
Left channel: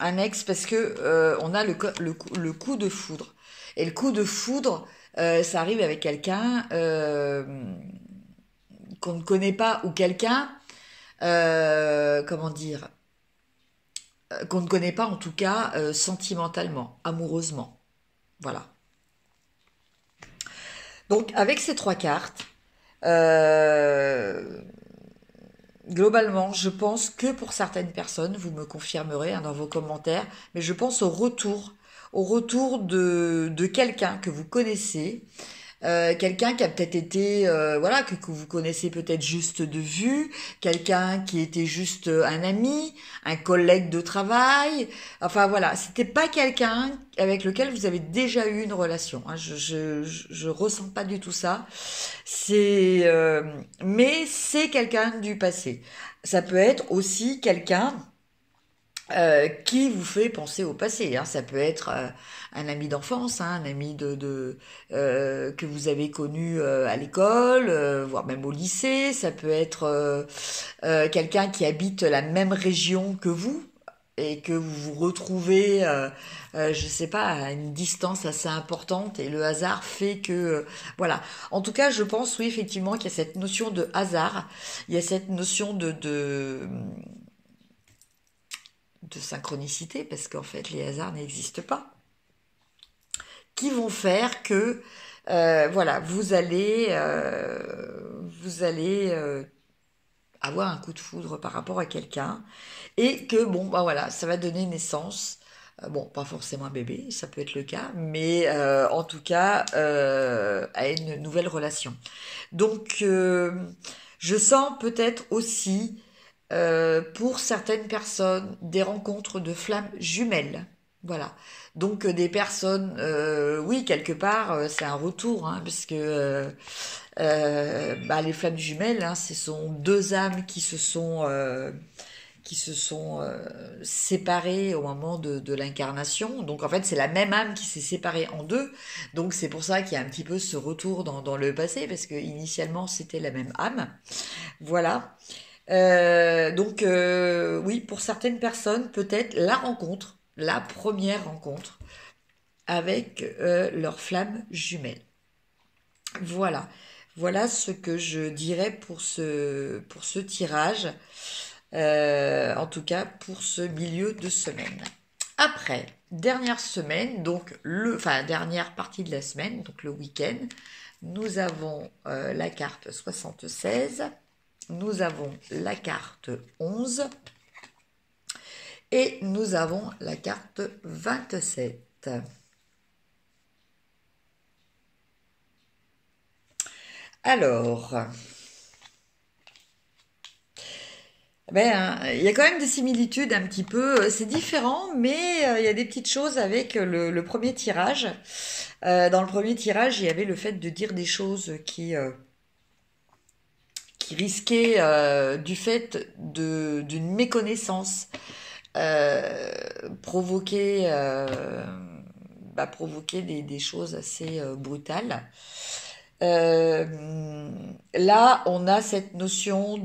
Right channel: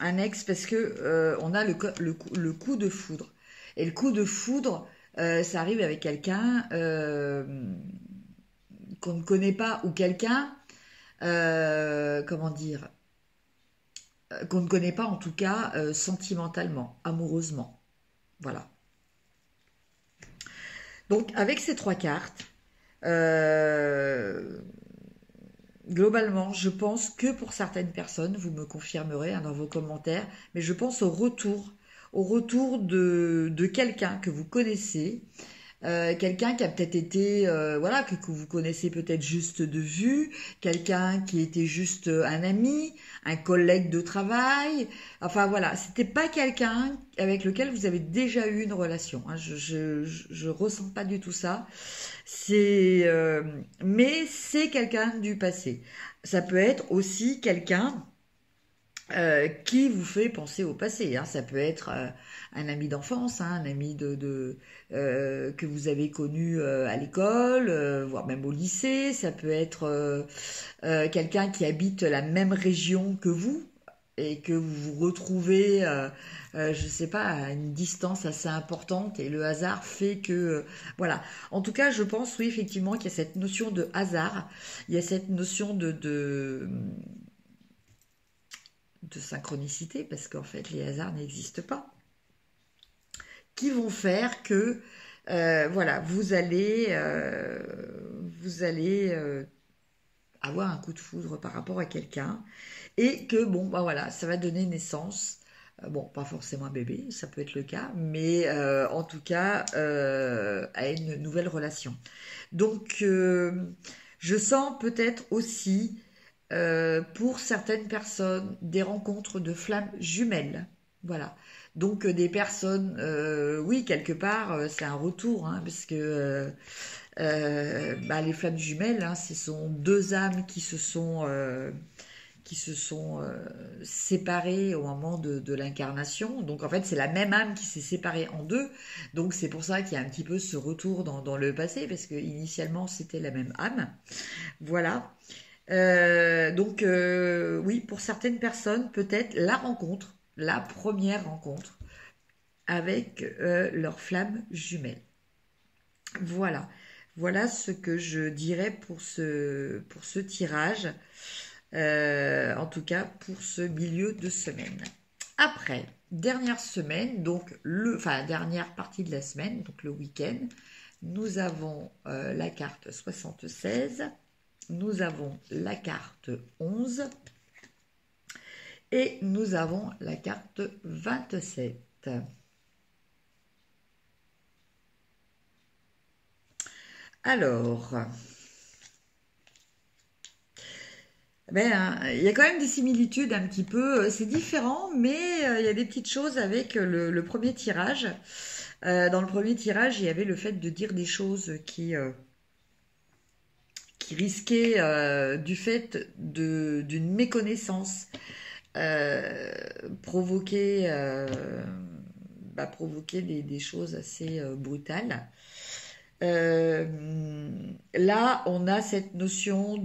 un ex, parce que on a le coup de foudre. Et le coup de foudre, ça arrive avec quelqu'un qu'on ne connaît pas ou quelqu'un, comment dire, qu'on ne connaît pas en tout cas sentimentalement, amoureusement. Voilà. Donc avec ces trois cartes, euh, globalement, je pense que pour certaines personnes, vous me confirmerez hein, dans vos commentaires, mais je pense au retour de quelqu'un que vous connaissez, quelqu'un qui a peut-être été, voilà, que vous connaissez peut-être juste de vue, quelqu'un qui était juste un ami, un collègue de travail, enfin voilà, c'était pas quelqu'un avec lequel vous avez déjà eu une relation. Hein, je ressens pas du tout ça. Mais c'est quelqu'un du passé. Ça peut être aussi quelqu'un qui vous fait penser au passé. Hein. Ça peut être un ami d'enfance, hein, un ami que vous avez connu à l'école, voire même au lycée. Ça peut être quelqu'un qui habite la même région que vous. et que vous vous retrouvez, je sais pas, à une distance assez importante et le hasard fait que, voilà. En tout cas, je pense, oui, effectivement, qu'il y a cette notion de hasard, il y a cette notion de synchronicité, parce qu'en fait, les hasards n'existent pas, qui vont faire que, voilà, vous allez avoir un coup de foudre par rapport à quelqu'un et que bon bah voilà ça va donner naissance bon pas forcément un bébé ça peut être le cas mais en tout cas à une nouvelle relation donc je sens peut-être aussi pour certaines personnes des rencontres de flammes jumelles voilà donc des personnes oui quelque part c'est un retour hein, parce que bah, les flammes jumelles, hein, ce sont deux âmes qui se sont séparées au moment de l'incarnation. Donc en fait, c'est la même âme qui s'est séparée en deux. Donc c'est pour ça qu'il y a un petit peu ce retour dans le passé, parce que initialement c'était la même âme. Voilà. Donc oui, pour certaines personnes, peut-être la rencontre, la première rencontre avec leur flamme jumelle. Voilà. Voilà ce que je dirais pour ce tirage, en tout cas pour ce milieu de semaine. Après, dernière semaine, donc enfin dernière partie de la semaine, donc le week-end, nous avons la carte 76, nous avons la carte 11 et nous avons la carte 27. Alors, ben, il y a quand même des similitudes un petit peu. C'est différent, mais il y a des petites choses avec le premier tirage. Dans le premier tirage, il y avait le fait de dire des choses qui risquaient, du fait d'une méconnaissance, euh, provoquer, provoquer des choses assez brutales. Euh, Là, on a cette notion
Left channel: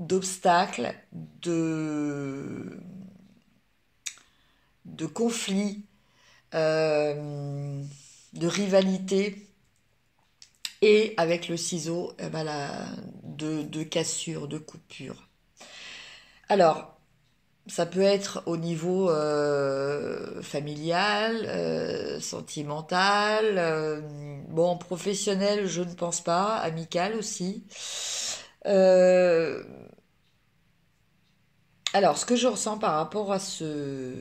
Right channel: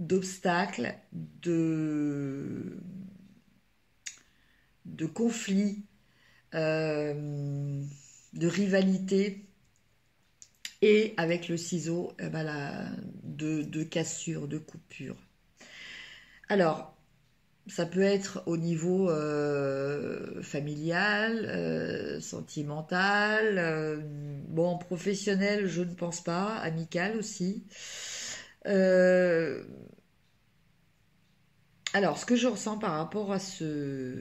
d'obstacle, de conflit, euh, de rivalité, et avec le ciseau, eh ben de cassure, de coupure. Alors, ça peut être au niveau familial, sentimental, bon, professionnel, je ne pense pas, amical aussi. Euh, alors, ce que je ressens par rapport à ces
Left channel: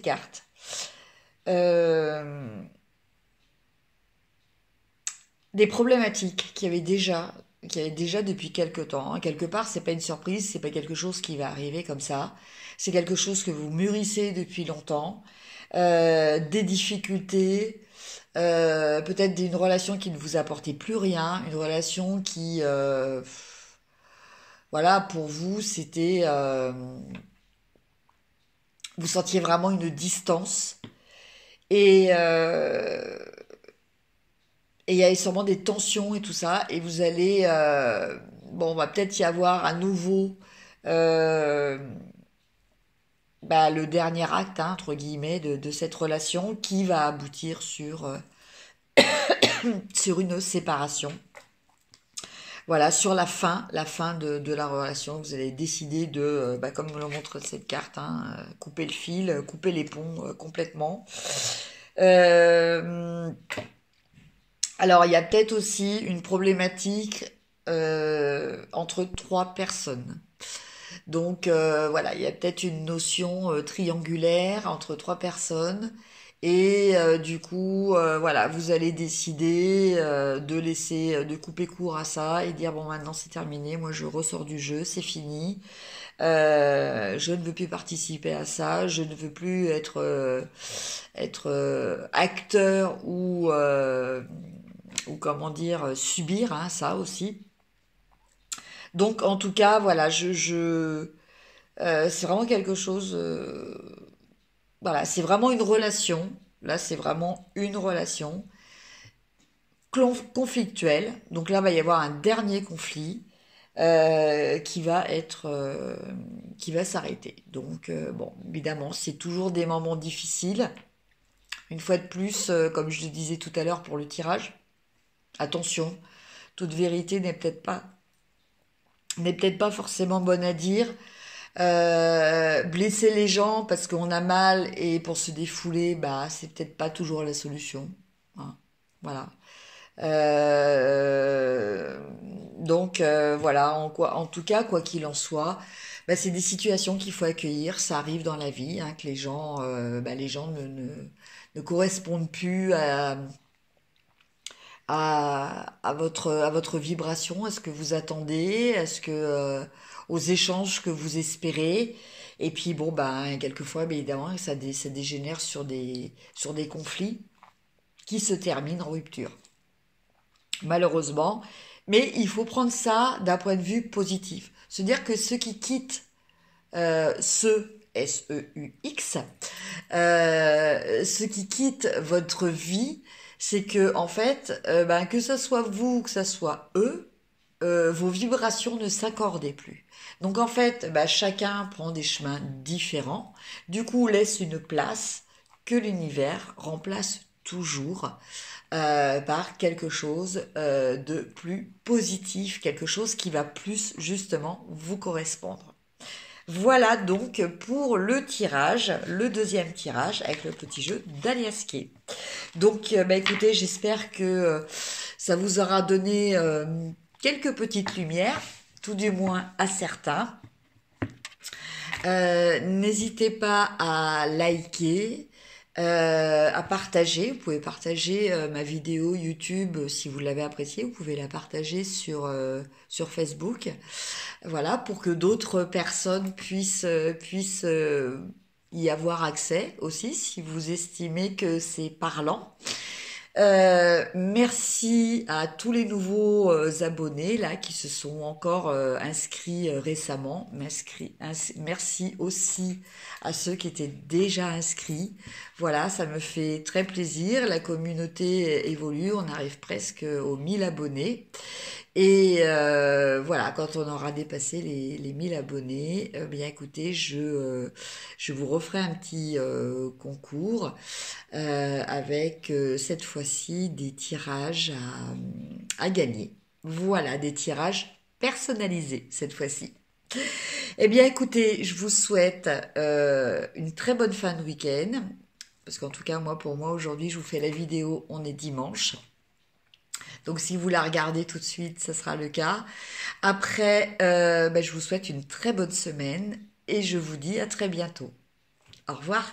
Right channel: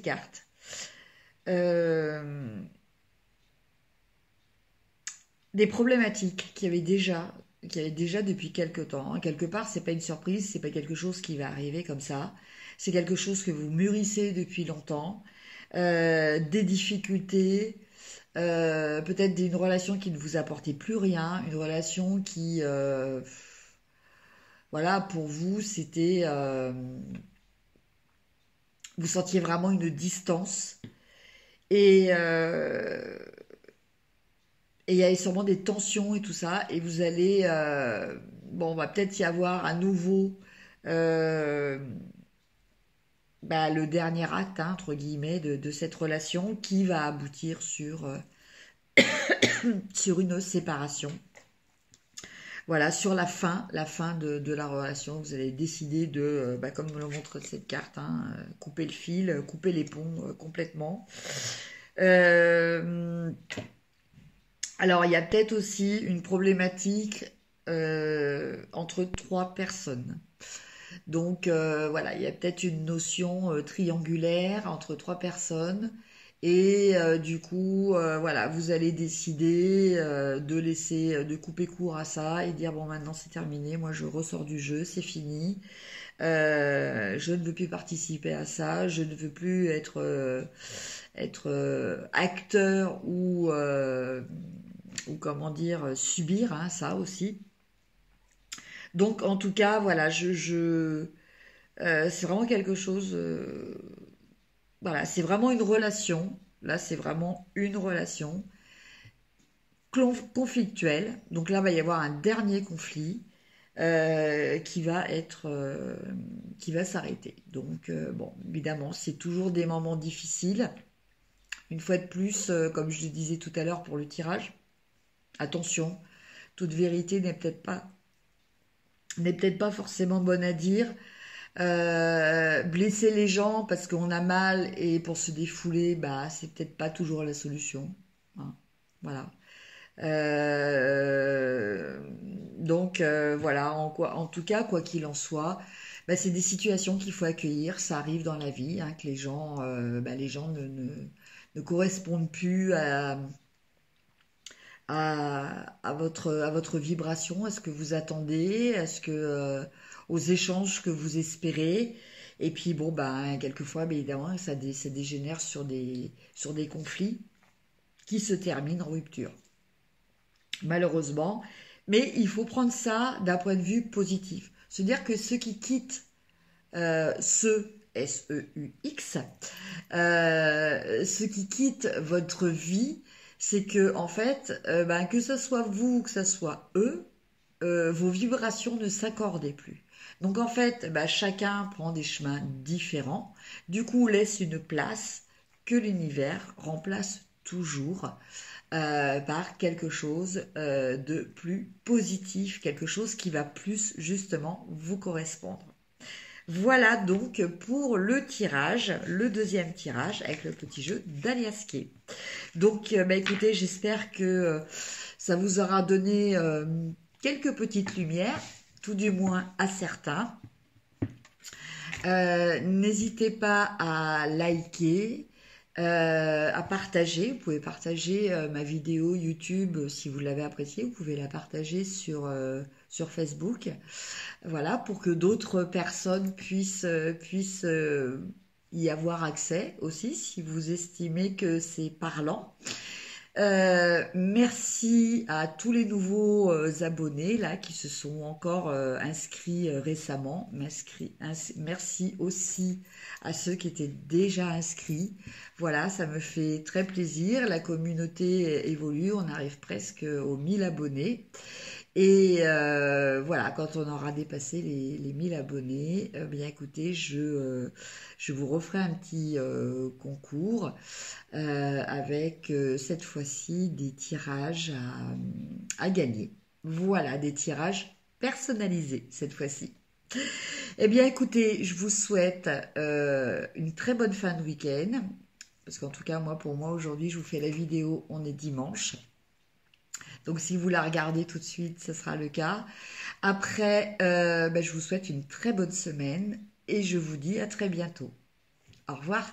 cartes, euh, des problématiques qu'il y avait déjà depuis quelque temps, hein. Quelque part, c'est pas une surprise, c'est pas quelque chose qui va arriver comme ça. C'est quelque chose que vous mûrissez depuis longtemps. Des difficultés, peut-être d'une relation qui ne vous apportait plus rien, une relation qui, voilà, pour vous, c'était, vous sentiez vraiment une distance. Et et il y a sûrement des tensions et tout ça, et vous allez, bon, on va peut-être y avoir à nouveau euh, le dernier acte, hein, entre guillemets, de cette relation qui va aboutir sur une séparation. Voilà, sur la fin de la relation, vous allez décider de, comme me le montre cette carte, hein, couper le fil, couper les ponts complètement. Euh, Alors, il y a peut-être aussi une problématique entre trois personnes. Donc, voilà, il y a peut-être une notion triangulaire entre trois personnes. Et du coup, voilà, vous allez décider de couper court à ça et dire, bon, maintenant c'est terminé, moi je ressors du jeu, c'est fini. Je ne veux plus participer à ça, je ne veux plus être acteur ou comment dire, subir, hein, ça aussi. Donc en tout cas, voilà, c'est vraiment quelque chose, voilà, c'est vraiment une relation, là c'est vraiment une relation conflictuelle, donc là il va y avoir un dernier conflit, qui va s'arrêter. Donc, bon, évidemment, c'est toujours des moments difficiles. Une fois de plus, comme je le disais tout à l'heure pour le tirage, attention, toute vérité n'est peut-être pas forcément bonne à dire. Blesser les gens parce qu'on a mal et pour se défouler, bah, c'est peut-être pas toujours la solution. Hein. Voilà. Euh, voilà, en tout cas, quoi qu'il en soit, bah, c'est des situations qu'il faut accueillir. Ça arrive dans la vie, hein, que les gens ne correspondent plus à votre vibration, à ce que vous attendez, aux échanges que vous espérez. Et puis bon, ben, quelquefois, bien évidemment, ça dégénère sur des conflits qui se terminent en rupture, malheureusement. Mais il faut prendre ça d'un point de vue positif. Se dire que ceux qui quittent S-E-U-X, ceux qui quittent votre vie, c'est que en fait, que ce soit vous, que ce soit eux, vos vibrations ne s'accordaient plus. Donc en fait, chacun prend des chemins différents. Du coup, laisse une place que l'univers remplace toujours par quelque chose de plus positif, quelque chose qui va plus justement vous correspondre. Voilà donc pour le tirage, le deuxième tirage avec le petit jeu d'Aliasquet. Donc écoutez, j'espère que ça vous aura donné quelques petites lumières, tout du moins à certains. N'hésitez pas à liker, à partager. Vous pouvez partager ma vidéo YouTube si vous l'avez appréciée. Vous pouvez la partager sur Facebook. Voilà, pour que d'autres personnes puissent y avoir accès aussi, si vous estimez que c'est parlant. Merci à tous les nouveaux abonnés là qui se sont encore inscrits récemment. Merci aussi à ceux qui étaient déjà inscrits. Voilà, ça me fait très plaisir. La communauté évolue, on arrive presque aux 1000 abonnés. Et voilà, quand on aura dépassé les 1000 abonnés, bien écoutez, je vous referai un petit concours avec cette fois-ci des tirages à gagner. Voilà, des tirages personnalisés cette fois-ci. Eh bien écoutez, je vous souhaite une très bonne fin de week-end. Parce qu'en tout cas, pour moi, aujourd'hui, je vous fais la vidéo, on est dimanche. Donc si vous la regardez tout de suite, ce sera le cas. Après, je vous souhaite une très bonne semaine et je vous dis à très bientôt. Au revoir.